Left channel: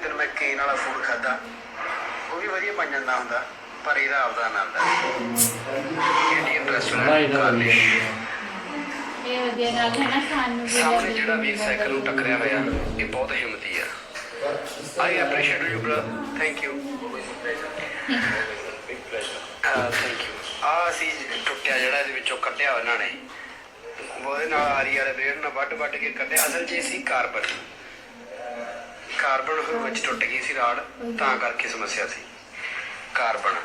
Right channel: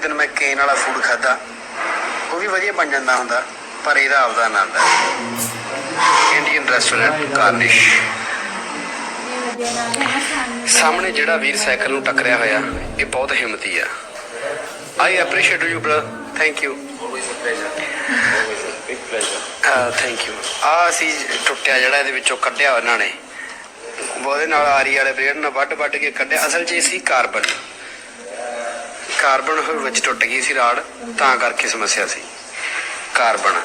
ਦਿਨ ਮੈਂ ਕੇਨ ਵਾਲਾ ਫੂਡ ਖਾਦਾ ਉਹ ਵੀ ਵਧੀਆ ਬਣ ਜਾਂਦਾ ਹੁੰਦਾ ਪਰ ਇਹਦਾ ਆਪਦਾ ਆਨੰਦ ਹੈ। ਇੰਡੀਅਨ ਰੈਸਟੋਰੈਂਟ ਕਾਰਨਿਸ਼ ਸਾਹਮਣੇ ਜਿਹੜਾ ਵੀਰ ਸਾਈਕਲ ਨੂੰ ਟੱਕਰਿਆ ਹੋਇਆ ਇਹ ਬਹੁਤ ਹਿੰਮਤੀ ਆ। I appreciate you brother thank you thank you ਆ ਅਸੀਂ ਟੁੱਟਿਆ ਜਿਹੜਾ ਇਹਦੇ ਵਿੱਚੋਂ ਕੱਢਿਆ ਉਹਨਾਂ ਨੇ। ਉਹਦੇ ਨਾਲ ਆਰੀ ਵਾਲੇ ਬਲੇਡ ਨਾਲ ਵੱਢ ਵੱਢ ਕੇ ਕੱਢਿਆ। ਅਸਲ 'ਚ ਇਹ ਸੀ ਕਾਰਬਨ ਕਾਰਬਨ ਵਿੱਚ ਟੁੱਟ ਗਈ ਸੀ ਰਾੜ ਤਾਂ ਕਰਕੇ ਸਮੱਸਿਆ ਸੀ। ਕਾਰਬਨ।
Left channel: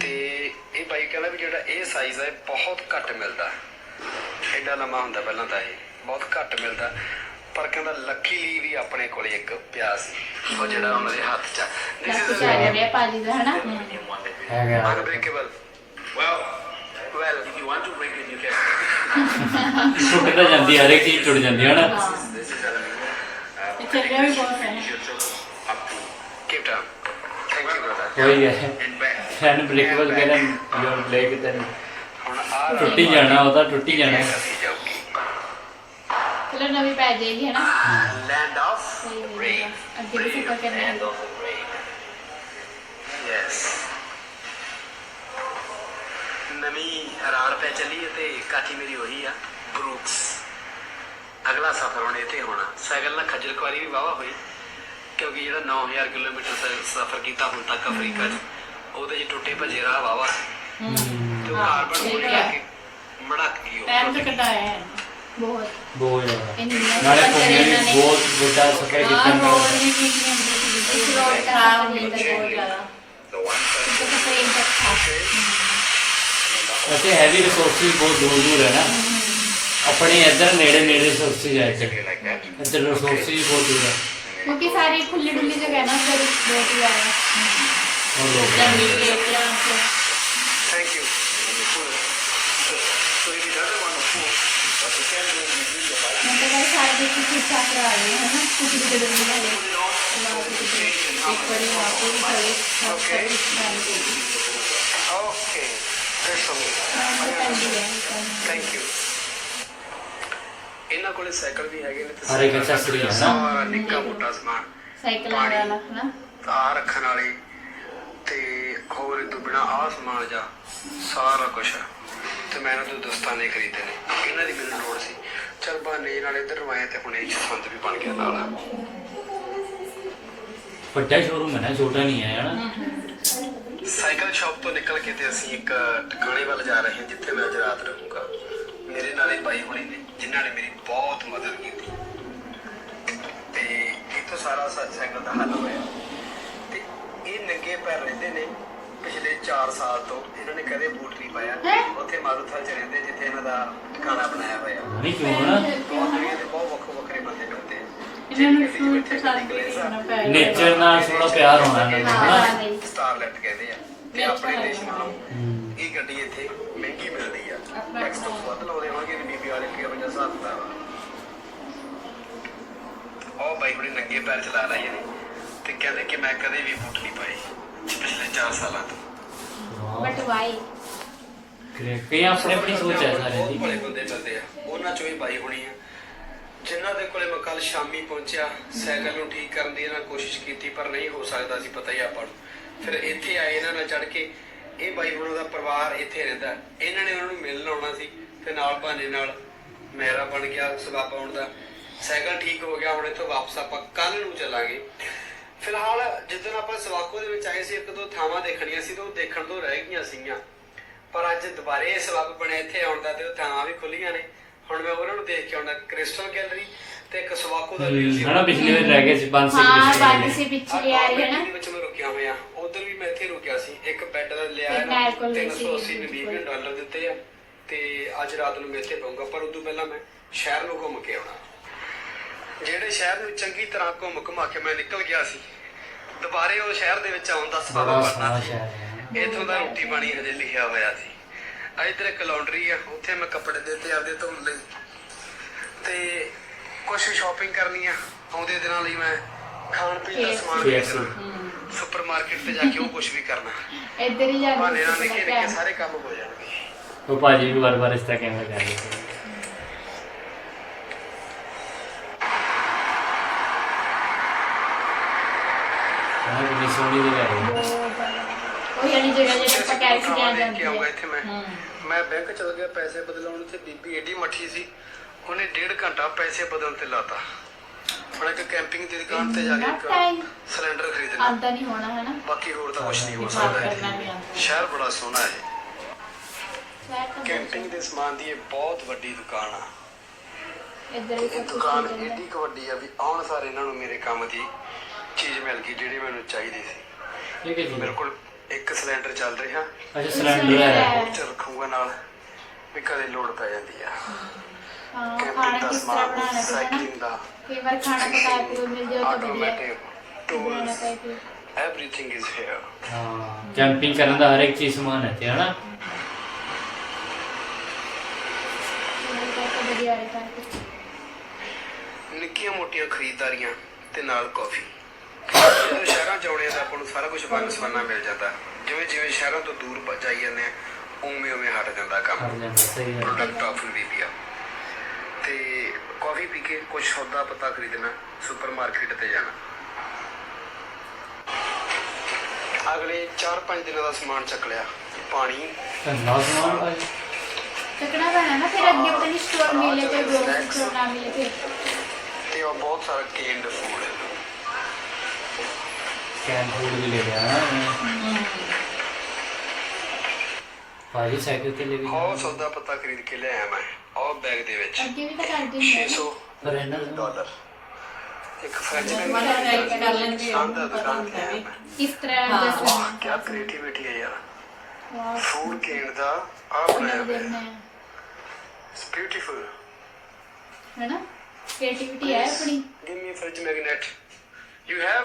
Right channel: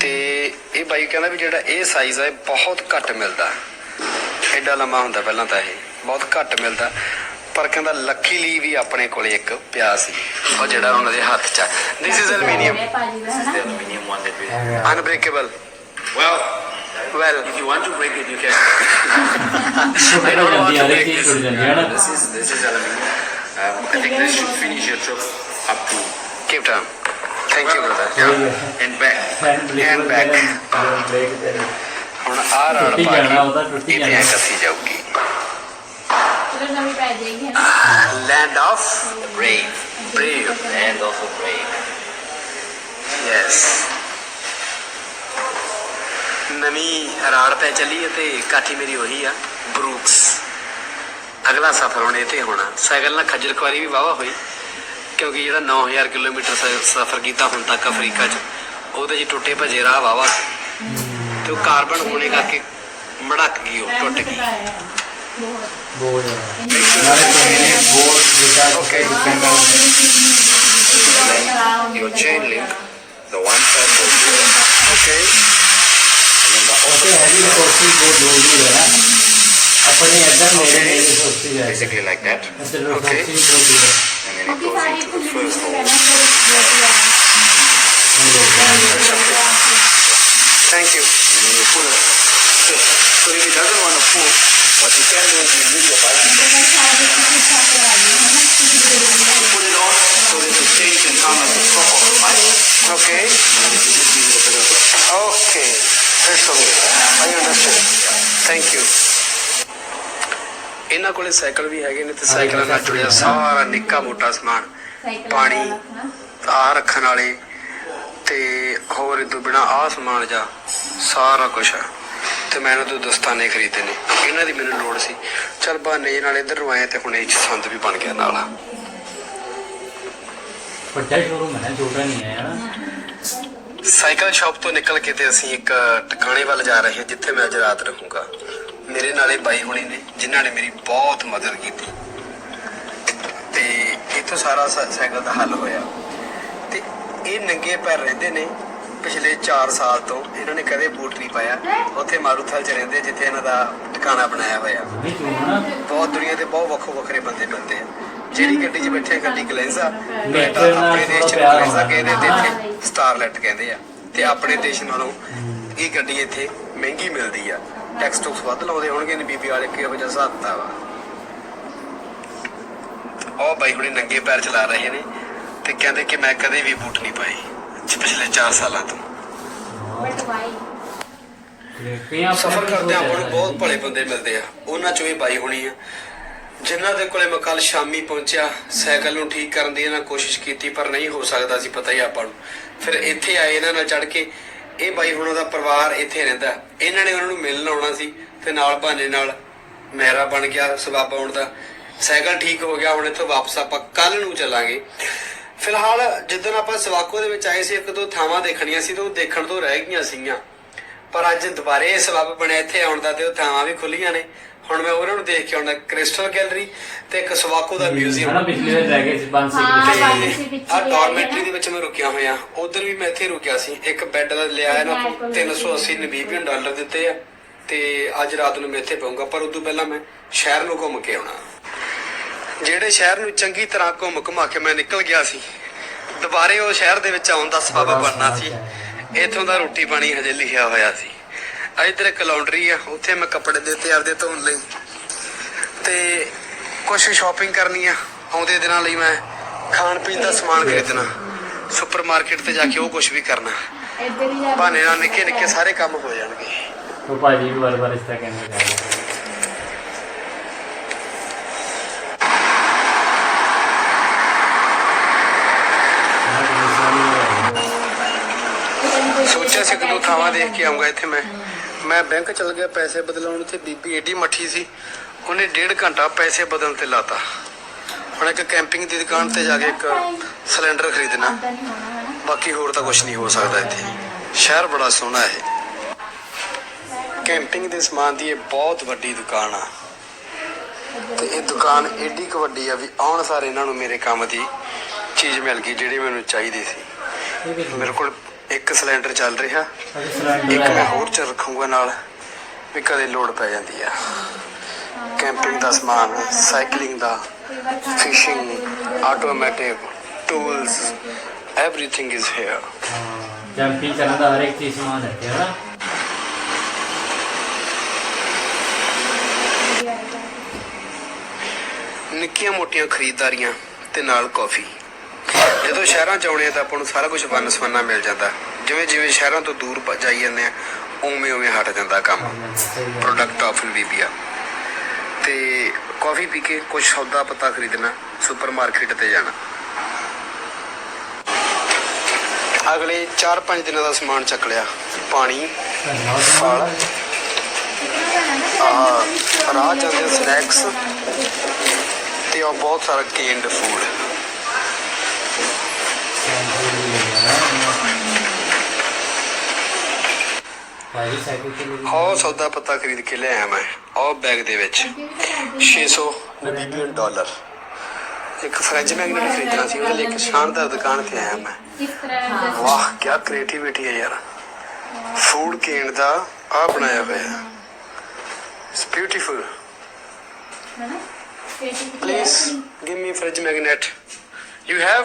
ਤੇ ਇਹ ਬਾਈ ਕਹਿੰਦਾ ਵੀ ਜਿਹੜਾ ਇਹ ਸਾਈਜ਼ ਹੈ ਇਹ ਬਹੁਤ ਘੱਟ ਮਿਲਦਾ। ਐਡਾ ਲੰਮਾ ਹੁੰਦਾ ਪਹਿਲਾਂ ਤਾਂ ਇਹ ਬਹੁਤ ਘੱਟ ਮਿਲਦਾ। ਪਰ ਕਹਿੰਦਾ ਲੱਕੀਲੀ ਵੀ ਆਪਣੇ ਕੋਲੇ ਇੱਕ ਪਿਆ ਸੀ। ਉਹ ਜਿਹੜਾ ਉਹਨਾਂ ਦੇ ਹੱਥ 'ਚ ਦਿਸ ਇਜ਼ ਅਲਮੀਨੀਅਮ ਰਿਹਾ ਭਾਜੀ ਦਾ ਹਨਾ? Unbreakable well if you want to break it, you can. ਟੁੱਟ ਤਾਂ ਜਾਂਦੀ ਆ, ਇੱਕ ਚੀਜ਼ ਟੁੱਟ ਜਾਂਦੀ ਹੈ ਨਾ। This is aluminium. Um, I think this should finish your trip up to keep down thank you brother ਕੋਈ and back. Fan breakable back. ਕਰਨ ਬ੍ਰੇਕ ਤੇ ਹੁਣ ਆ ਟੁੱਟੀ ਜਾਣਾ ਉਹਦਾ ਟੁੱਟੀ ਜਾਣਾ ਕੱਸੀ ਜਾਊਗੀ ਚਲੋ ਨਵੀਂ ਪੈ ਜਾਏਗੀ ਹਨਾ land of Brave. Brave. And also brave. Yes ਨਵੀਂ ਰਾੜ ਪੈ ਚੱਲੀ ਹੈ ਤੇ ਕਾਠੀ ਮੇਰੀ ਉਹੀ ਆ ਬਰੂਕਸ ਅਗਲਾ ਸਫ਼ਰ ਹੁਣ ਇਹ ਤੇ ਹੋਣਾ। ਸਾਈਕਲ ਨਾਲ ਖੱਜਲ ਖੁਆਰੀ ਵੀ ਵਾਵਾ ਹੋਈ ਕਿਉਂਕਿ ਜਿਹੜਾ 9000 ਕਿਲੋਮੀਟਰ ਸਫ਼ਰ ਕੀਤਾ ਹੁਣ ਤੱਕ ਅਫਰੀਕਾ 'ਚ ਉਹਦੇ 'ਚ ਟੁੱਟੇ ਭੱਜੇ ਰਾਹ ਵਾਵਾ ਤੇ ਉਹ ਕਾਰਬਨ ਹੋਣੇ ਕਰਕੇ ਮੜਕ ਗਈ ਉਹ ਟੁੱਟ ਗਈ। ਹੈ ਬਹੁਤ ਨਾਲੇ ਕੋਈ ਬਹੁਤ ਵੱਡਾ ਚੁੱਕਾ ਡਿਪੈਂਡ Okay. ਉੱਥੇ ਹੈਵੀ ਰਿਸੋਰਸਿਸ ਬਹੁਤ ਦੂਰ ਦੂਰ ਹੈ ਨਾ। ਆਪਣੇ ਇੱਧਰ ਨੇੜੇ ਨੇੜੇ ਰਿਸੋਰਸਿਸ ਹੈ basically like that. ਇੱਧਰ ਰਿਸੋਰਸਿਸ ਬਹੁਤ ਦੂਰ ਹੈ ਕਿਉਂਕਿ ਸਾਰੀ ਖੁੱਲੀ ਖੁੱਲੀ ਜਗ੍ਹਾ ਨਾ ਫਿਰ ਬਹੁਤ ਹੀ ਜ਼ਿਆਦਾ ਹੁਣ ਲੋਕ Thank you. So if he doesn't want to pull, what you can do is you use your bike, ਮੈਂ ਤਾਂ ਸਾਰਾ ਕੁਝ ਸਾਫ਼ ਲਈ ਹੈ ਨਾ ਕੁਝ ਵੀ ਦੇ ਦਿੰਦੀ ਹੈ put it on, so that the chain can come as a top. Okay. Okay. That's okay. I understand. Thank you. ਇਹਨਾਂ ਕੋਲੇ ਸਾਈਕਲ ਵੀ ਹੈਗੇ ਨੇ ਤੇ ਸਾਈਕਲ accessory ਜੁੜਿਆ ਨਾ। ਸਾਰਾ ਨਿੱਕਾ ਮੋਟਾ ਸਮਾਨ। ਸਾਈਕਲ ਰੱਖਣਾ। ਆ ਰੱਖਣ ਵਾਲੇ ਤੇ ਹੋਰ ਇਹ ਤੋਂ ਬਿਨਾ ਆ ਸਮਾਨ ਜਾ ਸਾਰਾ ਕੁਝ ਤੇ ਮੈਂ ਇਹਨਾਂ ਤੋਂ ਦਸਤਾਨੇ ਖਰੀਦੇ ਨੇ। ਇਹਨਾਂ ਦੀ ਮੈਨੂੰ ਲੋੜ ਸੀ। ਚਲ ਬਹਾਨੇ ਜਿਹੇ ਨਾਲ ਇੱਧਰ ਨੂੰ ਆਏ ਤੇ ਹੁਣ ਇਹ 'ਚ ਸੰਦ ਵੀ ਬਣ ਗਿਆ ਨਾਲ। ਵੱਡਾ ਸ਼ੋਰੂਮ ਹੈ ਨਾ ਛੋਟਾ ਨਹੀਂ ਹੈ ਹਨਾ ਸਾਈਕਲ ਸ਼ਾਪ ਤੋਂ ਨਿਕਲ ਕੇ ਤੇ ਅਸੀਂ ਇੱਕ ਟਿਕਾਣੇ ਵੱਲ ਜਾ ਰਹੇ ਹਾਂ ਜਿੱਥੇ ਮੈਂ ਅੱਜ ਰਾਤ ਰਹੂੰਗਾ। ਮੇਰੇ ਨਾਲੇ ਬਾਈ ਹੁਣੀ ਨੇ ਜਿਨ੍ਹਾਂ ਨੇ ਮੇਰੀ ਬਹੁਤ ਮਦਦ ਕੀਤੀ। ਤੇ ਇੱਥੋਂ ਸਾਰਾ ਸਾਈਕਲ ਦਾ ਹੱਲ ਹੋਇਆ। ਤੇ ਇਹ ਨੰਗੇ ਪੈਰ ਰਹਿੰਦੇ ਨੇ ਪਿਛਲੇ 4 ਸਾਲ ਤੋਂ। ਇਹਨਾਂ ਨੇ ਕਦੇ ਬੂਟ ਨਹੀਂ ਪਾਇਆ? ਉੱਥੇ ਮਾਰੂਥਲ ਚ ਰਹਿੰਦੇ ਜਿੱਥੇ ਇਹਨਾਂ ਦਾ ਟਿਕਾਣਾ ਬਣਾਇਆ ਹੋਇਆ। ਬਹੁਤ ਦੁਨੀਆ ਦੇ ਬਹੁਤ ਵੱਖੋ ਵੱਖਰੇ ਬੰਦੇ ਮਿਲਦੇ ਆ। ਜਿਹੜੀ ਗੱਡੀ 'ਚ ਬੈਠੇ ਗੱਡੀ ਗਲੈਂਜ਼ਾ ਨੇਚਰ ਨਾਲ ਥੋੜਾ ਪਿਆਰ ਹੋਣਾ। ਸਟਾਰਲੈਟ ਕਹਿੰਦੇ ਆ। ਤੇ ਆਪਣੇ ਦੇਸ਼ ਨਾਲੋਂ ਇਹ ਗੱਡੀ ਇੱਥੇ ਮਹਿੰਗੀ ਮਿਲਦੀ ਆ। ਟੈਕਸ ਟੁਕਸ ਵੱਧ ਲਾਉਂਦੇ ਹੋਣਗੇ ਨੇ ਬੀਬੀ ਵਾਲੇ ਕਿਹੋ ਜਿਹਾ ਹਿਸਾਬ ਦਾ ਵਾ ਉਹ ਬਾਈ ਹੁਣੇ ਨੰਗੇ ਪੈਰ ਚਲਾ ਰਹੇ ਨੇ ਤੇ ਕਹਿੰਦੇ ਕਿ ਮੈਂ ਕਦੇ ਵੀ ਬੂਟ ਨਹੀਂ ਪਾਏ ਪਿਛਲੇ 4 ਸਾਲਾਂ ਤੋਂ। ਬਟ ਵਾਈ ਕਈ ਆਪਣੇ ਆਪਣੀ ਸੋਚ ਆ ਬਹੁਤ ਭਲੇ ਬੰਦੇ ਮਿਲਦੇ ਆ। ਉਹਨਾਂ ਚੋਂ ਵੀ ਬਾਈ ਹੋਣੀ ਆ। ਜਿਨ੍ਹਾਂ ਦੇ ਕੋਲੇ ਮੈਂ ਕੱਲ ਸ਼ਾਮੀ ਪਹੁੰਚਿਆ ਸਾਈਕਲ ਨੂੰ ਠੀਕ ਕਰਨ ਦੀ ਇਹਨਾਂ ਕੋਸ਼ਿਸ਼ ਕੀਤੀ ਪਰ ਨਹੀਂ ਹੋ ਸਕਦਾ ਸੀ ਪਤਾ ਹੀ ਆਪਾਂ ਨੂੰ। ਫਿਰ ਇੱਥੇ ਆਏ ਇਹਨਾਂ ਨਾਲ ਚੜ ਕੇ ਇਹ ਬਾਈ ਹੁਣ ਉਹਦਾ ਪਰਿਵਾਰ ਇੱਥੇ ਰਹਿੰਦਾ। ਇਹਨਾਂ ਨੇ ਉਹਨਾਂ ਨੂੰ ਮਿਲਣ ਆਉਣਾ ਸੀ ਤੇ ਨਾਲ ਬਹਾਨੇ ਨਾਲ ਮੇਰਾ ਬਣ ਗਿਆ, ਸਬੱਬ ਆਉਣ ਦਾ। ਸਾਈਕਲ ਠੀਕ ਹੋ ਗਿਆ, ਹੁਣ ਇੱਥੋਂ ਵਾਪਸ ਆਪਾਂ ਕੱਲ ਨੂੰ ਚੱਲਾਂਗੇ। ਫਿਲਹਾਲ ਜਦੋਂ ਆਪਾਂ ਸਵਾਕੋ ਦੇ ਵਿੱਚ ਆਏ ਸੀ, ਇੱਕ ਦੋ ਥਾਵਾਂ ਦੇਖਣੀਆਂ ਸੀ ਤੇ ਉਹ ਦੇਖਣ ਤੋਂ ਰਹਿ ਗਈਆਂ ਸੀਗੀਆਂ। ਪਰ ਅੱਜ ਦੁਬਾਰੇ ਇਹ ਸਬੱਬ ਬਣਿਆ ਇੱਥੇ ਆਉਣ ਦਾ ਤੇ ਉਹ ਥਾਵਾਂ ਵੀ ਖੁੱਲੀਆਂ ਨੇ। ਹੁਣ ਮੈਂ ਉਹਨਾਂ ਨੂੰ ਦੇਖ ਕੇ ਆਉਣਾ ਕ੍ਰਿਸਟਲ ਗੈਲਰੀ ਤੇ ਇੱਕ ਸਵਾਕੋ ਦਾ ਮਿਊਜ਼ੀਅਮ। ਹਨਾ ਪਿਛਲੇ ਵਾਰ ਰਹਿ ਗਏ ਸੀ ਪੰਜ ਹਾਂ ਸਿੰਘ ਬਾਕੀ ਸੀ ਪਿੱਛੇ ਆ ਰਹੀ ਹੈ ਡਾਰਮੈਟਰੀ ਨਾ। ਦੇ ਵਿੱਚ ਮੈਂ ਰੁਕਿਆ ਹੋਇਆ ਉਧਰ ਵੀ ਮੈਂ ਇੱਥੇ ਰੁਕਿਆ ਸੀ ਇੱਕ ਬੈੱਡ ਦਾ ਲਿਆ ਇਹਨੂੰ alcohol 380 ਨਮੀਬੀਅਨ ਡਾਲਰ ਦਿੱਤੇ ਆ ਤੇ ਅੱਜ ਰਾਤ ਨੂੰ ਮੈਂ ਇੱਥੇ ਪਊਂਗਾ ਪਰ ਉਦੋਂ ਪਹਿਲਾਂ ਮੈਂ ਸ਼ਹਿਰ ਨੂੰ ਘੁੰਮ ਕੇ ਆਉਣਾ। ਜਿਹੜੇ ਸ਼ਹਿਰ ਨੂੰ ਚੰਗੀ ਤਰ੍ਹਾਂ ਘੁੰਮ ਘੁਮਾ ਕੇ ਮੈਂ ਨਿਕਲ ਗਿਆ ਸੀ ਦੁਬਾਰੇ ਉਹ ਸ਼ਹਿਰ ਦੇ ਵਿੱਚ ਆਉਣ ਦਾ ਸਬਬ ਬਣਨਾ ਸੀ। ਇਥੋਂ ਦਾ ਰੋਟੀ ਪਾਣੀ ਹਜੇ ਲਿਖਿਆ ਹੋਇਆ ਸੀ। ਆ ਇੱਧਰ ਇੱਕ ਲਾਉਂਡਰੀ ਆ ਉੱਥੇ ਮੈਂ ਕੱਪੜੇ ਦਿੱਤੇ ਆਪਦੇ ਧੋਣ ਲਈ। ਤੇ ਕੁਝ ਸ਼ਾਪਿੰਗ ਕਰਨੀ ਆ ਆਉਂਦੇ ਦਿਨਾਂ ਲਈ ਮੈਂ ਖਾਣ ਪੀਣ ਦਾ ਸਮਾਨ ਖਰੀਦਣਾ। ਸੁਪਰਮਾਰਕਟ ਤੇ ਜਾ ਕੇ ਉਹ ਕੁਝ ਵੀ ਕਰਨਾ। ਇੱਧਰ ਹੀ ਜਾ ਬਹਾਨੇ ਨਾਲ ਨਿੱਕੇ ਨਿੱਕੇ ਸਾਰੇ ਕੰਮ ਹੋ ਜਾਣਗੇ। ਉਹ ਭਾਜੀ ਵੀ ਵਾਰ ਵਾਰ ਇਸ ਤਰ੍ਹਾਂ ਕਹਿੰਦੇ ਕਰ ਰਹੇ ਸੋਚਿਆ ਸੀ ਆਪਾਂ ਕਿ ਖਾਵਾ ਕੈਸ਼ ਦੇਖ ਕੇ ਆਉਂਗਾ ਇੱਥੇ ਮੈਂ। ਮੈਂ ਬੈਂਕ ਚਲ ਗਿਆ ਪੈਸੇ ਬਦਲਾਉਣ ਤੇ ਬੀਬੀ ਏਡੀ ਮੱਠੀ ਸੀ। ਉਹਨੇ ਡੇਢ ਘੰਟਾ ਪੈਸੇ ਬਦਲਣ ਤੇ ਲਾਤਾ। ਹੁਣ ਇੱਕ ਕੈਂਪਿੰਗ ਦੀ ਦੁਕਾਨ ਤੇ ਜਾ ਕੇ ਇੱਕ ਸਿਲੰਡਰ ਖਰੀਦਣਾ। ਆਉਂਦਾ ਨਹੀਂ ਹੋਣਾ ਹੈ ਨਾ। ਬਾਕੀ ਹੋਰ ਤਾਂ ਕੁਝ ਨਹੀਂ ਹੋ ਸਕਦਾ ਇੱਥੇ। ਸ਼ਹਿਰ ਬੜਾ ਸੋਹਣਾ ਹੈ। ਕੈਂਪਿੰਗ ਦੇ ਸਮਾਨ ਦੀ ਇਹ ਬਹੁਤ ਵੱਡੀ ਦੁਕਾਨ ਆ। ਇਹ ਦੁਕਾਨ ਏਡੀ ਕੁ ਵੱਡੀ ਆ ਵੀ ਆਉਣ ਸਾਰ ਇਹਨਾਂ ਨੂੰ ਮੇਰੇ ਕੰਮ ਦੀ ਚੀਜ਼ ਮਿਲ ਗਈ ਜਿਹੜੀ ਮੈਨੂੰ ਚਾਹੀਦੀ ਸੀ। ਮੇਰੇ ਕੋਲ ਇੱਕ ਸਿਲੰਡਰ ਚੱਲ ਰਿਹਾ ਅਜੇ ਸਿਲੰਡਰ ਹੈ ਹੋਰ ਚ ਰੱਖੂਗਾ ਨਾਲ ਵੀ ਕਦੇ ਲੋਡ ਪੈ ਜਾਂਦੀ ਆ ਕੈਂਪਿੰਗ ਦਾ ਸਮਾਨ। ਸਾਈਕਲਿੰਗ ਦਾ ਕਈ ਵਾਰ ਖਾਣਾ ਫਿਸ਼ਿੰਗ ਮਿਲ ਜਾਏ ਤਾਂ automatic tools. Everything is here ਹਾਂ ਕੈਂਪਿੰਗ ਕਰਨ ਦਾ ਹਰ ਇੱਕ ਚੀਜ਼ ਸਮਾਨ ਹੈ ਹਨਾ ਵਧੀਆ ਹੈ ਤਾਂ ਨਿੱਕੀਆਂ ਮੋਟੀਆਂ ਖਰੀਦਦਾਰੀਆਂ ਤੇ ਨਾਲ ਕਾਫੀ ਜਦੋਂ ਸ਼ਹਿਰਾਂ ਚ ਆਉਣੇ ਆ ਤਾਂ ਆਪਾਂ ਨੂੰ ਸਾਰਾ ਕੁਝ ਵੰਨ ਸਵੰਨਾ ਮਿਲ ਜਾਂਦਾ। ਜਿਵੇਂ ਜਿਵੇਂ ਸ਼ਹਿਰਾਂ ਤੋਂ ਦੂਰ ਜਾਈ ਜਾਂਦੇ ਆ ਉਵੇਂ ਉਵੇਂ ਹਟ ਜਾਂਦਾ ਕੰਮ। ਪ੍ਰੋਡਕਟ ਆਫ ਬੀਬੀਆ ਤੇ ਕਾਫੀ ਪੀ ਕੇ ਕੁਝ ਸੌਦਾ ਪਤਾ ਖਰੀਦਣਾ ਸੁਪਰਮਾਰਕਟ ਤੇ ਜਾਣਾ। ਅਗਲੇ 4-5 ਦਿਨਾਂ ਦਾ ਸਮਾਨ ਚੱਕ ਲਿਆ। ਪਾਣੀ। ਤੇ ਉਹ ਬਹੁਤ ਸਾਰਾ ਕੇਨਡ ਫੂਡ ਵੀ ਲੈ ਗਿਆ ਨਾ ਭਾਈ ਸਾਈਕਲ ਤੇ ਲੈ ਗਿਆ ਉਹ ਸੌਦਾ ਪਤਾ ਖਰੀਦ ਕੇ ਲਿਆਇਆ ਮੈਂ ਉਹ ਬੈਗ ਦੇ ਵਿੱਚ। ਅੱਗੇ ਵੀ ਤਾਂ ਕਰਦੇ 600 ਡਾਲਰ। ਇੱਕ ਫ੍ਰੈਂਚ ਮੈਗਨੀ ਖਰੀਦਣਾ ਸੀ ਮੈਂ ਇੱਕ ਸ਼ਾਨਦਾਰ ਦੁਕਾਨ ਤੇ ਆਇਆ ਮੈਂ। ਕਿਸ ਤਰ੍ਹਾਂ ਦਾ ਵਾਹ ਕੀ ਕ੍ਰੀਏਟੀਵਿਟੀ ਹੈ ਯਾਰ। ਫੂਡ ਕੇਨ ਦਾ ਆ ਬਣਾਇਆ ਹੋਇਆ। ਹੈ ਇਟਸ ਬਿਊਟੀਫੁਲ ਹੈ ਨਾ ਕ੍ਰੀਏਟਿਵਿਟੀ ਹੈ give me fridge magnet you have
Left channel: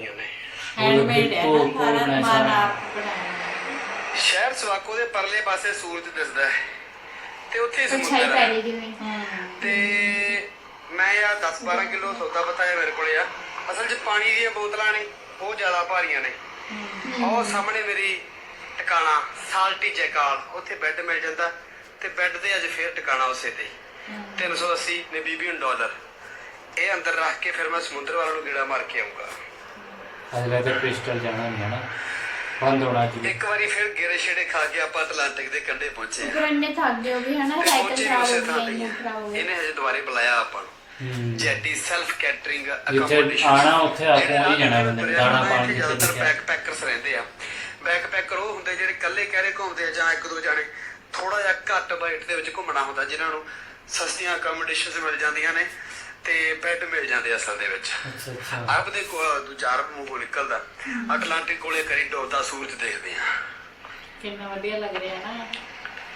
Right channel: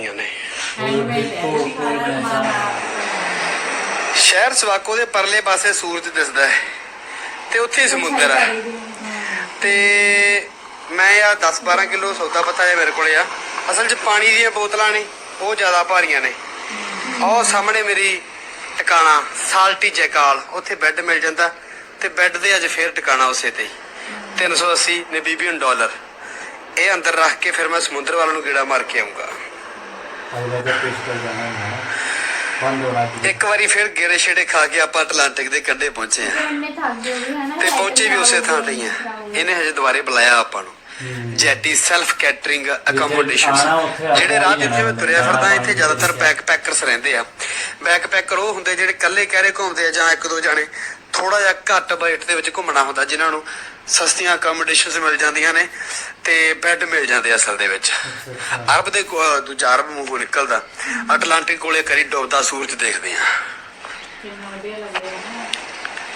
ਸਵਾਕੋ ਦੇ ਪਰਲੇ ਪਾਸੇ ਸੂਰਜ ਦਿਸਦਾ ਹੈ ਤੇ ਉੱਥੇ ਹੀ ਸਮੁੰਦਰ ਹੈ ਹੀ ਹਾਂ। ਤੇ ਮੈਂ ਆ 10 12 ਕਿਲੋ ਸੌਦਾ ਪਤਾ ਹੈ ਮੇਰੇ ਕੋਲੇ ਆ। ਅਸਲ 'ਚ ਪਾਣੀ ਦੀਆਂ ਬੋਤਲਾਂ ਨਹੀਂ ਉਹ ਜ਼ਿਆਦਾ ਭਾਰੀਆਂ ਨੇ। ਉਹ ਸਾਹਮਣੇ ਮੇਰੀ ਟਿਕਾਣਾ ਸਾਲਟੀ ਜੈਕਾਲ ਉੱਥੇ ਬੈੱਡ ਮਿਲ ਜਾਂਦਾ ਤੇ ਬੈੱਡ ਦੇ ਅੱਜ ਫੇਰ ਟਿਕਾਣਾ ਉਸੇ ਤੇ ਹੀ। 380 ਨਬੀਬੀਅਨ ਡਾਲਰ ਇਹ ਅੰਦਰ ਰੱਖ ਕੇ ਫਿਰ ਮੈਂ ਸਮੁੰਦਰ ਵੱਲ ਨੂੰ ਗੇੜਾ ਮਾਰ ਕੇ ਆਉਂਗਾ ਅੱਜ ਲੈ ਕੇ ਕ੍ਰਿਸਟਲ ਜਾਣਾ ਹੁੰਦਾ ਨਾ ਬੰਦ ਹੋਣਾ ਇੱਕ ਵਾਰੀ ਫਿਰ ਗੇੜੇ ਛੇੜੇ ਖਾ ਕੇ ਆਪਾਂ ਅਟਲਾਂਟਿਕ ਦੇ ਕੰਢੇ ਪਹੁੰਚੇ ਆ ਫਿਰ ਇੰਨੇ ਥੱਕ ਗਏ ਵੀ ਹਨਾ ਤੇ ਪਹੁੰਚੇ ਵੀ ਉਸੇ ਥਾਂ ਚਲਾਓ, ਤੇ ਹੀ ਆ ਚਲਾਓ। ਇਹਨੇ ਹਜੇ ਦੁਬਾਰੇ ਬੁਲਾਇਆ ਆਪਾਂ ਨੂੰ। ਹੂੰ। ਜੈਟੀ ਸੈਲਫ ਕੈਟਰਿੰਗ ਅਕੋਮੋਡੇਸ਼ਨ ਜਿਹੜੇ ਰਾਹ ਹੀ ਜਿੱਥੇ ਮੈਂ ਤੁਰਿਆ ਫਿਰਦਾ ਇੱਥੇ ਜ਼ਿਆਦਾਤਰ ਬੈਕ ਪੈਕਰਸ ਰਹਿੰਦੇ ਆ। ਬੈਕ ਪੈਕਰ ਉਹ ਹੁੰਦੇ ਜਿਹੜੇ ਇਕੱਲੇ ਕਹਿਰੇ ਘੁੰਮਦੇ ਆ ਜਾਂ ਇੱਕ ਦੋ ਜਾਣੇ। ਥੋੜਾ ਜਿਹਾ ਘੱਟ ਬਜਟ ਦੇ ਵਿੱਚ ਘੁੰਮਣਾ ਹੁੰਦਾ ਜਿਨ੍ਹਾਂ ਨੂੰ ਸਸਤੀਆਂ ਅਕੋਮੋਡੇਸ਼ਨਸ ਮਿਲ ਜਾਂਦੀਆਂ ਨੇ। ਤੇ ਬੈੱਡ ਮਿਲ ਜਾਂਦੇ ਅਸਲ ਦੇ ਵਿੱਚ। ਅਰਬ ਦੇ ਦੂਜਾ ਅਰਬ ਮੂੰਹੋਂ ਨਿਕਲਦਾ। ਅਟਲਾਂਟਿਕ ਕੋਲੇ ਕਰੀ ਡੁੱਬਦਾ ਸੂਰਜ ਦੇਖਦੇ ਆ।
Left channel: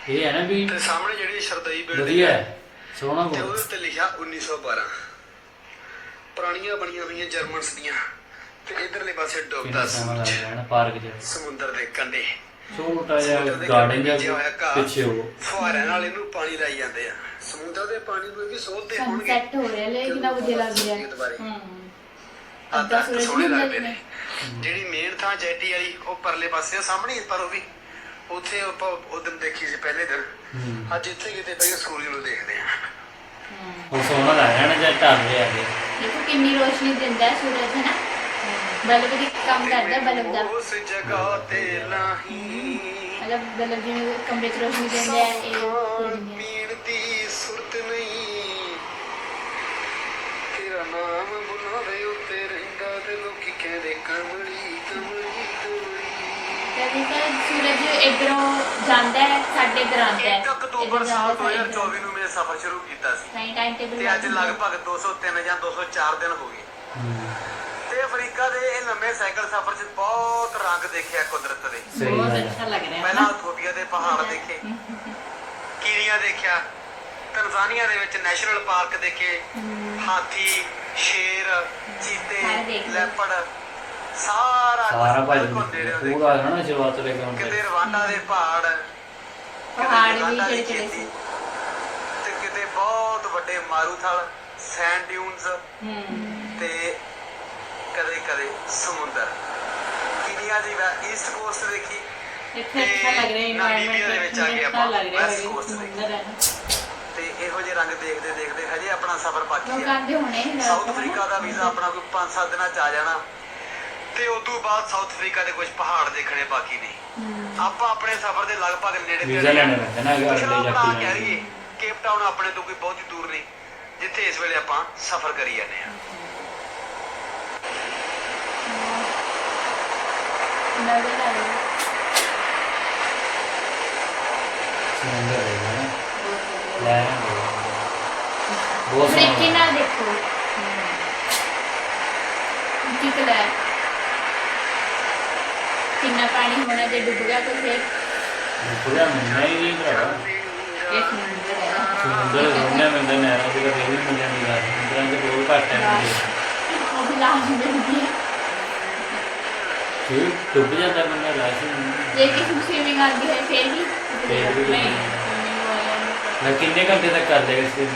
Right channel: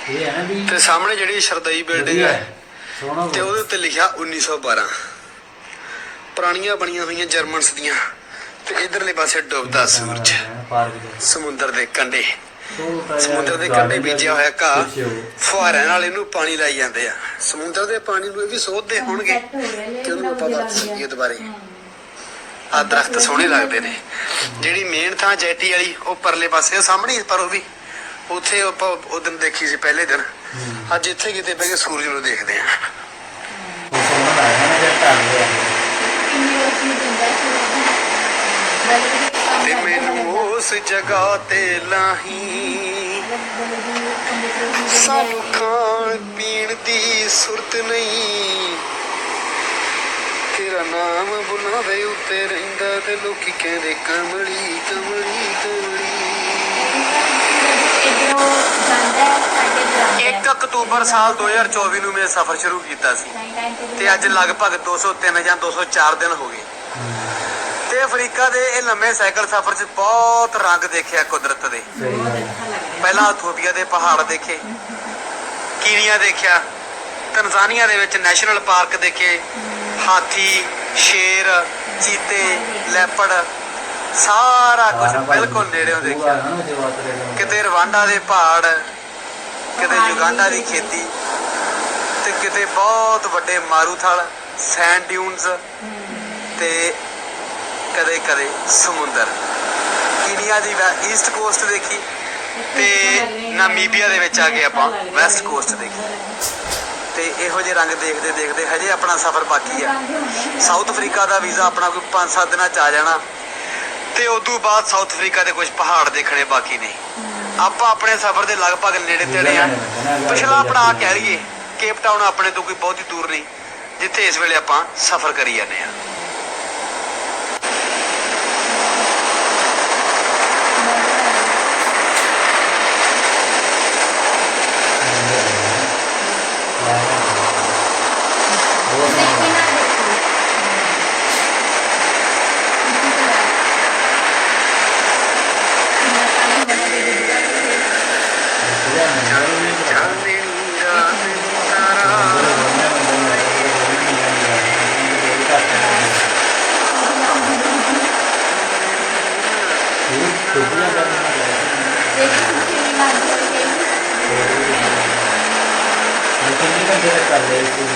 ਇਹ ਹੈ ਨਾ ਵੀ ਤੇ ਸਾਹਮਣੇ ਜਿਹੜੀ ਸ਼ਰਦਈ ਬਿਲਡਿੰਗ ਹੈ ਸੋਹਣਾ ਤੇ ਉਹਦੇ ਉੱਤੇ ਲਿਖਿਆ 1912 ਪੁਰਾਣੀਆਂ ਬਣੀਆਂ ਹੋਈਆਂ ਜਰਮਨਸ ਦੀਆਂ। ਤੇ ਇਧਰਲੇ ਪਾਸੇ ਡੁੱਬਦਾ ਸੂਰਜ। ਸਮੁੰਦਰ ਦੇ ਕੰਢੇ। ਸਮੁੰਦਰ ਦੇ ਕੰਢੇ ਬੀਜਿਆ ਹੋਇਆ ਘਾਹ ਫੁਹਾਰਿਆਂ ਨਾਲ ਇਹਨੂੰ ਪਾਣੀ ਲਾਈ ਜਾਂਦੇ ਆ। ਸਮੁੰਦਰ ਦੇ ਪਾਣੀ ਨੂੰ ਇਹ ਵੀ ਸੋਧਦੇ ਹੋਣਗੇ ਇਹ ਦੁਬਾਰੇ। ਆ ਦਰਖਤ ਸੋਹਣੇ ਲੱਗਦੇ ਨੇ। ਜਿਹੜੀ ਮੇਨ ਥਾਂ ਜੈਟੀ ਵਾਲੀ ਉਹ ਪਰਲੇ ਪਾਸੇ ਆ, ਸਾਹਮਣੇ ਪਰ ਉਹ ਵੀ। ਉੱਥੇ ਆਪਾਂ ਉਹ ਦਿਨ ਦੇਖੀ ਸੀ ਪਹਿਲੇ ਦਿਨ। ਅੱਜ ਇੱਥੇ ਕਿਤੇ ਬਹਿ ਕੇ ਸੂਰਜ ਨੂੰ ਦੇਖਦੇ ਆ। ਉਹ ਸੋਹਣਾ ਲੱਗਦਾ ਨਾ ਢਲ ਰਿਹਾ ਹੈ ਕਿੰਨੀ ਰੋਸ਼ਨੀ ਦਿੰਦਾ ਸੂਰਜ ਦੀ ਕੰਮ ਤੇ ਕਰਦਾ ਮੈਨੂੰ ਦਾ ਉਸ ਜਗ੍ਹਾ ਤੇ ਲਾਹੀ। ਮਤਲਬ ਬਲਬ ਦੀ ਕੰਬੇ ਰੋਸ਼ਨੀ ਦਿੰਦਾ ਸਭ ਹੈ ਖਾਣ ਪੀਣ ਦੀ ਸੁਰਤ ਨਹੀਂ। ਤੇਰਾ ਨਾਮ ਬੁਲਾਵੇ ਉੱਤੇ ਰਹਿੰਦਾ ਤੇ ਲੋਕੀ ਕਹਿੰਦੇ ਕਮਲੀ ਕਮਲੀ ਕਮਲੀ। ਸੂਰਜ ਇਧਰੋਂ ਜਾਂਦਾ ਹੈ ਸਾਡੇ ਇਧਰ ਆਉਂਦਾ ਹੈ। 1 ਅਕਤੂਬਰ ਸਾਲ 2024 ਨੂੰ ਮੈਂ ਸਫ਼ਰ ਸ਼ੁਰੂ ਕੀਤਾ ਸੀ। ਤੇ ਅੱਜ ਲਗਭਗ 203 ਜਾਂ 204 ਦਿਨ ਹੋ ਗਏ। ਅਫਰੀਕਾ ਦੇ ਇਹ ਲੰਮੇ ਸਾਈਕਲ ਸਫ਼ਰ 'ਚ ਬਹੁਤ ਰੰਗ ਦੇਖਿਆ ਕੁਦਰਤ ਦੇ। ਪਹਿਲਾਂ ਇਥੋਪੀਆ ਦੇ ਪਹਾੜ ਦੇਖੇ ਕੀਨੀਆ ਦੇਖਿਆ ਤਨਜ਼ਾਨੀਆ ਦੇ ਵਿੱਚ ਨੈਸ਼ਨਲ ਪਾਰਕ ਦੇਖੇ ਹਾਥੀ ਸ਼ੇਰ ਚੀਤੇ ਲੈਪੜ ਸਾਰਾ ਕੁਝ ਬਿਲਕੁਲ ਨੇੜਿਓਂ ਪੂਰਾ ਦੇਖਿਆ। ਕਿਤੇ ਰਵਾਂਡਾ ਦੇ ਪਹਾੜ ਕਿਤੇ ਪਹਾੜ ਦੀ ਖੇਤੀ ਤੇ ਕਿਤੇ ਬਹੁਤ ਵੱਡੇ ਮਾਰੂਥਲ ਸੈਂਡ ਡਿਊਨਸ ਤੇ ਕਦੇ ਕਦੇ ਸਮੁੰਦਰ। ਕੀਨੀਆ ਦੀ ਈਸਟ ਕੋਸਟ ਦੇਖੀ ਤੇ ਨਾਮੀਬੀਆ ਦੇ ਵਿੱਚ ਆ ਕੇ ਆਪਾਂ ਵੈਸਟ ਕੋਸਟ ਦੇਖੀ। ਤੇ ਇਹੋ ਜਿਹੇ ਰੰਗ ਦੇਖਦੇ ਦੇਖਦੇ ਹਜੇ ਆਪਣਾ ਸਫ਼ਰ ਬਾਕੀ ਆ ਸਾਊਥ ਅਫਰੀਕਾ ਦਾ ਵੀਜ਼ਾ ਆਪਣਾ ਕੋਈ 5-7 ਦਿਨਾਂ ਚ ਆ ਜਾਣਾ। ਤੇ ਉਸ ਤੋਂ ਬਾਅਦ ਸਾਊਥ ਅਫਰੀਕਾ ਦੇ ਕੁਝ ਪਹਾੜ ਦੇਖਣੇ ਬਾਕੀ ਨੇ। ਆਪਾਂ ਆਪਣੇ ਸਫ਼ਰ ਦੇ ਲਗਭਗ ਨੇੜੇ ਤੇੜੇ ਆ। ਪਿਛਲਾ ਆਪਣਾ ਕੇ ਕਹਿ ਲਈਏ ਕੇਪ ਟਾਊਨ ਆਪਣੇ ਤੋਂ ਕੋਈ ਬਹੁਤੀ ਦੂਰ ਨਹੀਂ ਜਿੱਥੇ ਇਸ ਵੇਲੇ ਆਪਾਂ ਸਫ਼ਰ ਕਰੀ ਜਾਂਦੇ ਆ ਸਮੁੰਦਰ ਹੈ ਲੈ ਬਹੁਤ ਦੇਖੇ ਸੋਹਣਾ ਨਾ ਦੇਖੋ ਕੀ ਕਲਰ ਕਿੰਨਾ ਪਾਣੀ ਹੋਣਾ ਦੇ ਡੁੱਬਗਾ ਤੇ ਫਿਰ ਪੂਰਾ ਨਹੀਂ ਨਹੀਂ ਭਰਾ ਸਮੁੰਦਰ ਹੋਣਾ ਮੰਦਰ ਹੈ ਤੇ ਕੋਈ ਨਹੀਂ ਮਿਲਣਾ ਨਹੀਂ ਹੈ ਬਹੁਤ ਘੱਟ ਹੈ ਉਹ ਲਾਉਂਦੀ ਇਹ ਡੁੱਬ ਜਾਂਦਾ ਬੰਦਾ ਲੈ ਕੇ ਇਹ ਕਿ ਖੁਸ਼ੀ ਨਹੀਂ ਲੱਗਦੀ ਹੈ ਕਿ ਮੈਂ ਕਿੰਨੇ ਘੰਟੇ ਤੱਕ ਕਰ ਲਏ ਇਸ ਨੂੰ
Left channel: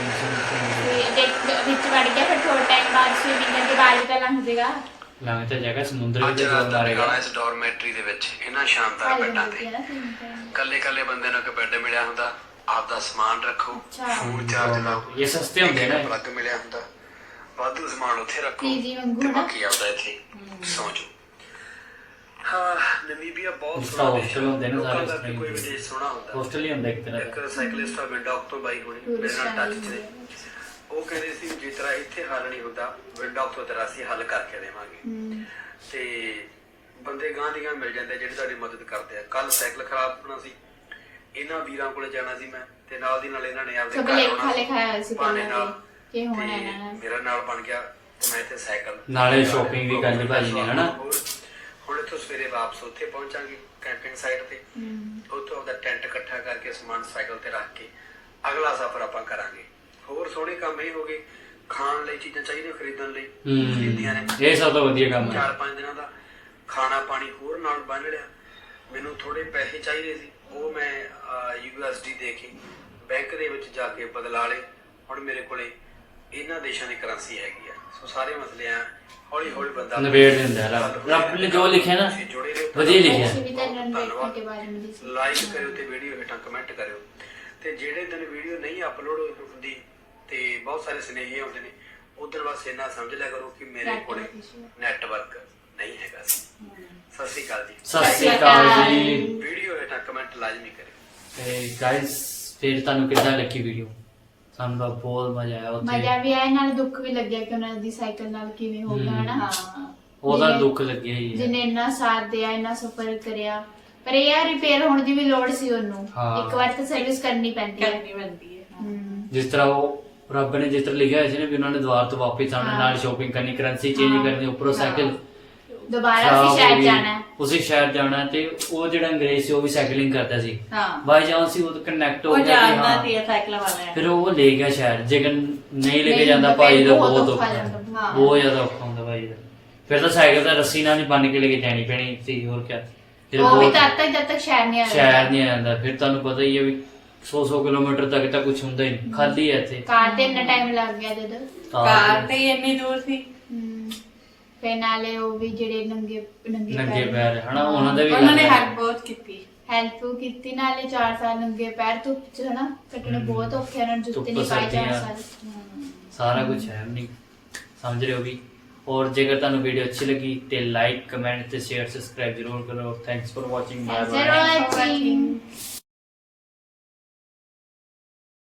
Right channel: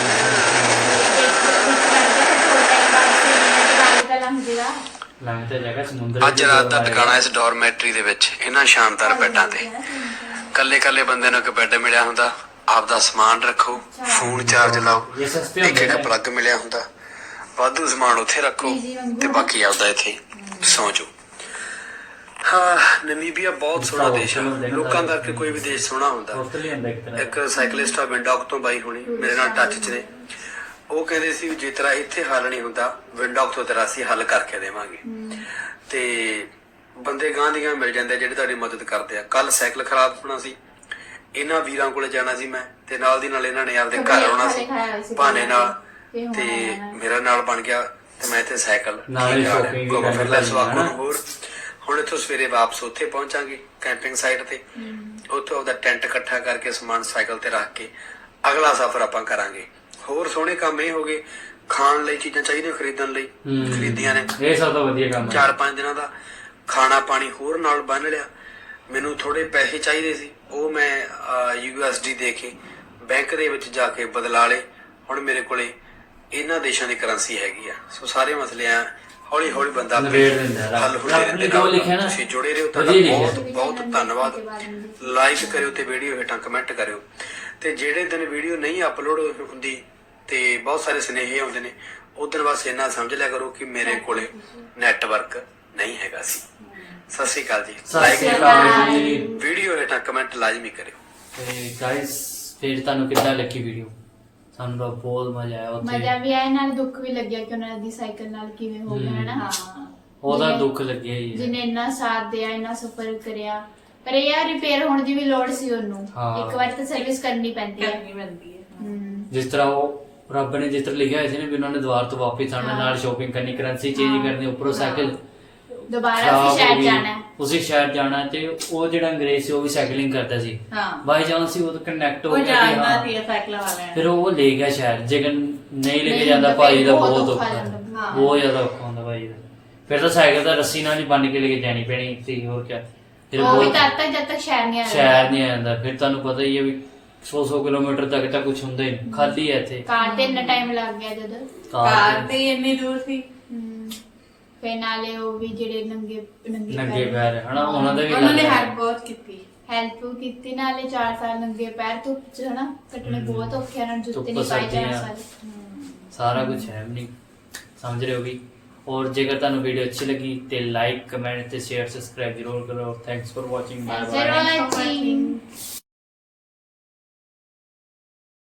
ਇੱਕ ਵਿੱਚ ਵੜ ਗਿਆ ਫਿਰ ਥੋੜਾ ਟਾਈਮ ਬਾਅਦ ਫਿਰ ਇਹਨਾਂ ਦੇ ਬਾਅਦ ਤਾਂ ਲੰਘ ਜਾਏਗਾ ਲੰਘ ਤਾਂ ਜਗ੍ਹਾ ਸਮੁੰਦਰ ਅੱਜ ਵਿੱਚ ਰਾਤ ਦੋ ਦਾ ਮਾਰੇਗਾ। ਟਿਕਾਣਾ ਇਸ ਡੋਰਮੈਟਰੀ ਦੇ ਵਿੱਚ ਇਹਨਾਂ ਸ਼ਾਨਦਾਰ ਬੈੱਡਾਂ ਤੇ। ਕੱਲੇ ਕੱਲੇ ਬੰਦੇ ਨੂੰ ਇੱਕ ਬੈੱਡ ਮਿਲਿਆ ਹੁੰਦਾ ਆਪਦਾ ਸਮਾਨ ਰੱਖੋ ਫੋਨ ਚਾਰਜ ਲਾਓ ਇਹ ਸਸਤੇ ਇੱਕ ਹੁੰਦੇ ਜਿਹੜਾ ਨੇ ਪਲੱਗ ਮਿਲਿਆ ਹੁੰਦਾ। ਵਾਧੂ ਸਮਾਨ ਉੱਥੇ ਰੱਖੋ ਤੇ। ਬਾਕੀ ਆਪਦਾ ਇੱਥੇ ਸੌਂ ਜਾਓ। ਹਾਂ ਨਮੀਬੀਆ ਬਹੁਤ ਸੋਹਣਾ ਦੇਸ਼ ਹੈ। ਨੇ ਲੋਕਾਂ ਦਾ ਕਿ ਕੋਈ ਵੀ ਦੇਸ਼ ਸੋਹਣਾ ਹੁੰਦਾ। ਇੱਕ ਸਾਈਕਲਿਸਟ ਆ ਵਿੰਡੌਕ ਤੋਂ ਬਾਈ ਹੋਣੀ ਮੇਰੇ ਨਾਲ ਟੱਚ 'ਚ ਨੇ। ਉਹ ਕਹਿੰਦੇ ਸੀ ਜੇ ਤੇਰਾ ਇੱਥੇ ਹੱਲ ਨਹੀਂ ਹੁੰਦਾ ਵਿੰਡੌਕ ਤੋਂ ਤੇਰਾ ਅਸੀਂ ਹੱਲ ਕਰਕੇ ਦੇਵਾਂਗੇ। ਤੇ ਬੰਦੇ ਗਾਂ ਦੀਆਂ ਮਿਲ ਜਾਂਦੇ ਜਿਹੜੇ ਤੁਹਾਡੀ ਮਦਦ ਕਰਦੇ ਆ। ਕੱਲ ਸਾਈਕਲ ਖਰਾਬ ਹੋਣਾ ਸੀ। ਇਹਨਾਂ ਵੀਰਾਂ ਕੋਲੇ ਜਾਣਾ ਸੀ ਮੈਂ ਤੇ ਨਾਲ ਦੀ ਨਾਲ ਇਹਨਾਂ ਨੇ ਆਪਦੇ ਘਰ ਆਉਣਾ ਸੀ। ਪਹਿਲਾਂ ਨਾਲ। ਕਿ ਹੋਣਾ ਤੇ ਨੇ। ਮੇਰਾ ਨਾਲ ਬਣ ਗਿਆ ਤੇ ਮੈਂ ਇੱਥੇ ਸਾਈਕਲ। ਨਾਲੇ shopping ਵੀ ਕਰਨੀ ਪੈਣੀ ਹੈ, ਹਨਾ? ਹੁਣ ਇੱਥੋਂ ਸਵੇਰੇ ਵਾਪਸ ਉੱਥੇ ਪਹੁੰਚਾਂਗੇ ਕੈਂਪਿੰਗ ਸਾਈਟ ਤੇ। ਉੱਥੋਂ ਉਹਦਾ ਟੈਂਟ ਇਕੱਠਾ ਕਰਕੇ ਸਮਾਨ ਸਾਈਕਲ ਤੇ ਰੱਖ ਕੇ ਅਗਲਾ ਸਫ਼ਰ ਆਪਾਂ ਕਰਾਂਗੇ। ਹੋਰ ਸੋਹਣੇ ਕੰਮ ਇਹ ਹੋਗੇ ਖਾਣ ਲਈ ਚੀਜ਼ਾਂ ਚਾਹੀਦੀਆਂ ਖਰੀਦਣ ਲਈ। ਖਰੀਦੀਆਂ ਨੇ। ਇਹ ਸਭ ਤੋਂ ਵਧੀਆ ਕੰਮ ਹੈ। ਚਾਰ ਪੰਜ ਦਿਨਾਂ ਦਾ ਖਾਣਾ ਪਾਣੀ ਹੋਰ ਨਾਲ ਬੰਨ ਲਿਆ। ਮੈਨੂੰ ਥੋੜੇ ਪੈਸੇ ਚਾਹੀਦੇ ਸੀ ਉਹ ਮੈਂ ਯੂਐਸਡੀ ਦੇ ਕੇ ਬੈਂਕ ਦੇ ਵਿੱਚ ਜਾ ਕੇ ਬਦਲਾ ਲਏ। ਹੁਣ ਮੇਰੇ ਕੋਲੇ ਇਹਨਾਂ ਦੇਸ਼ਾਂ ਦੀ ਕਰੰਸੀ ਹੈਗੀ ਆ। ਸੋ ਸਾਰੇ ਮਸਲੇ ਆ ਹੌਲੀ ਹੌਲੀ ਬੰਦਾ ਨਿਬੇੜ ਦਿੰਦਾ ਹੈ ਰੱਬ। ਨੇ ਜੋ ਲਿਖਿਆ ਨਾ, ਤੁਸੀਂ ਜੁੜੇ ਰਹੋ ਵਧੀਆ ਲਿਖਿਆ। ਬਹੁਤ ਬਹੁਤ ਧੰਨਵਾਦ ਲਾਈਕ ਕਰਿਓ ਤੇ ਵੀਡੀਓ ਹੇਠਾਂ ਕਮੈਂਟ ਕਰਿਓ। ਤੇ ਜਿਹੜੇ ਦਿਨ ਵੀਡੀਓ ਨਹੀਂ ਅਪਲੋਡ ਹੁੰਦੀ ਤੇ ਬਹੁਤ ਸਾਰੇ ਸੁਨੇਹੇ ਆਉਂਦੇ ਨੇ ਉਦੋਂ ਬਸ ਇੰਨਾ ਸਮਝ ਲਿਆ ਕਰੋ ਕਿ ਮੇਰੇ ਕੋਲੇ ਨੈਟਵਰਕ ਨਹੀਂ ਹੈਗਾ ਸੀ। ਸਤਿ ਸ਼੍ਰੀ ਅਕਾਲ ਜੀ। ਸਤਿ ਸ੍ਰੀ ਅਕਾਲ ਜੀ। ਵੀਡੀਓ ਹੇਠਾਂ ਕਮੈਂਟ ਲਾਜ਼ਮੀ ਕਰਿਓ। ਤੇ ਗਾਇਸ ਫਿਰ ਤੁਹਾਨੂੰ ਕਿੱਦਾਂ ਲੱਗੀ ਵੀਡੀਓ ਸਾਨੂੰ ਤਾਂ ਬਹੁਤ ਮਜ਼ਾ ਆਇਆ ਮਜ਼ਾ ਵੀ ਆਇਆ ਨਾਲ ਦੁੱਖ ਵੀ ਲੱਗਿਆ ਕਿ ਉਹਨਾਂ ਦੀ ਸਾਈਕਲ ਨਾਲ ਕਿਵੇਂ ਹੋ ਗਿਆ ਹਨਾ? ਉਹਦਾ ਦੁੱਖ ਲੱਗਿਆ ਹੀ ਜਿਹਨੇ ਇੰਨਾ ਸਾਥ ਦਿਆ ਇੰਨਾ ਸਫਰ ਕਰਿਆ। ਪਰ ਇਹ ਆ ਰਿਪੇਅਰ ਹੋਣ ਦੀ ਵੀ ਲੋੜ ਸੀ ਉਹਨੂੰ। ਇੱਕ ਵਾਰ ਤਾਂ ਸਰਵਿਸ ਕਰਨੀ ਪੈਂਦੀ ਹੈ ਕਰਨੀ ਬਣਦੀ ਹੈ। ਜਿਸ ਤਰ੍ਹਾਂ ਉਹ ਰੱਬ ਨੇ ਜਿਸ ਤਰ੍ਹਾਂ ਲਿਖਿਆ ਹੋਇਆ ਸੀ ਨਾ ਵੀ ਉਹਨਾਂ ਨੇ ਦੁਆਰ ਤੋਂ ਵਾਪਸ ਆਉਣਾ ਨਾਲ ਸ਼ਾਪਿੰਗ ਕਰਨੀ ਕਰੰਸੀ ਚੇਂਜ ਕਰਨੀ ਉੱਪਰੋਂ ਸਾਈਕਲ ਦੁਬਾਰਾ ਸ਼ਾਮ ਸ਼ਹਿਰ ਗਈ, ਜਾਣਾ ਹੈ। ਉਸੇ ਸ਼ਹਿਰ ਜਾਣਾ ਤੇ ਉਹ ਜਿਹੜਾ ਅੰਗਰੇਜ਼ ਸੀ ਉਹ ਵੀ ਸਾਈਕਲਿੰਗ ਕਰਦਾ ਸੀ। ਹਾਂ। ਬਾਈ ਚਾਂਸ ਸੀ ਉਹ ਕਨੈਕਟ ਹੋ ਗਿਆ ਹਾਂ। ਫਿਰ ਉਹ ਲੈ ਗਿਆ ਸ਼ਹਿਰ। ਜੇਕਰ ਨਹੀਂ ਲੈ ਕੇ ਜਾਂਦਾ ਫਿਰ ਭਾਈ ਦਾ ਬਹੁਤ ਬਹੁਤ ਹਾਂ। ਬਹੁਤ ਜ਼ਿਆਦਾ ਔਖਾ ਹੁੰਦਾ ਭਾਈ ਦਾ। ਫਿਰ ਤਾਂ ਸਾਈਕਲ ਤਾਂ ਰੱਸੀ ਨਾਲ ਹੀ ਬੰਨ ਕੇ ਲੈ ਕੇ ਜਾਣੀ ਪੈਣੀ ਸੀ ਹੋਰ ਕਿਆ। ਫਿਰ ਉਹ ਵੀ ਬਹੁਤ- ਤੱਕ ਜਦ ਤੱਕ ਸ਼ਹਿਰ ਨਹੀਂ ਸ਼ਹਿਰ ਆਇਆ ਨਹੀਂ ਫਿਰ ਤੁਹਾਨੂੰ ਪਤਾ ਹੀ ਹੈ ਵੀ 100-100 ਕਿਲੋਮੀਟਰ ਤੱਕ ਤਾਂ ਕੁਝ ਹੁੰਦਾ ਹੀ ਨਹੀਂ। ਖਾਲੀ ਹੈ ਇੱਥੇ। ਕਾਰ ਤੇ ਇੰਨਾ ਟਾਈਮ ਲੱਗ ਗਿਆ ਜਦੋਂ। ਕਾਰ ਤੇ। ਇੰਨੀ ਦੂਰ ਸੀ। ਫਿਰ ਨਾਲੇ ਉਹ ਵੀ ਜਿਹੜੇ ਨੰਗੇ ਨੰਗੇ ਪੈਰ ਹਨਾ, ਉਹਨਾਂ ਦਾ ਵੀ ਉਹਨਾਂ ਨੇ ਕਰਨਾ। ਬਹੁਤ ਕੀਤੀ। ਹੈਲਪ ਕੀਤੀ ਨਾਲੇ 4 ਸਾਲ ਨੰਗੇ ਪੈਰ ਧੁੱਪ ਚ ਹਨਾ ਕੱਟਣੇ ਬਹੁਤ ਔਖੇ ਆ, ਜੁੱਤੇ ਨਹੀਂ ਪਾਏ 4 ਸਰਦੀਆਂ। ਸਾਰਾ। ਕੁਝ ਹੈ ਨਹੀਂ। ਸਮਝ ਰਹੇ ਹੋ ਵੀ? ਔਰ ਜੇਕਰ ਤੁਹਾਨੂੰ ਵੀਡੀਓ ਅੱਛੀ ਲੱਗੀ ਤੇ ਲਾਈਕ ਕਮੈਂਟ ਤੇ ਸ਼ੇਅਰ ਸਬਸਕ੍ਰਾਈਬ ਜ਼ਰੂਰ ਕਰੋ। Thanks for watching bye bye.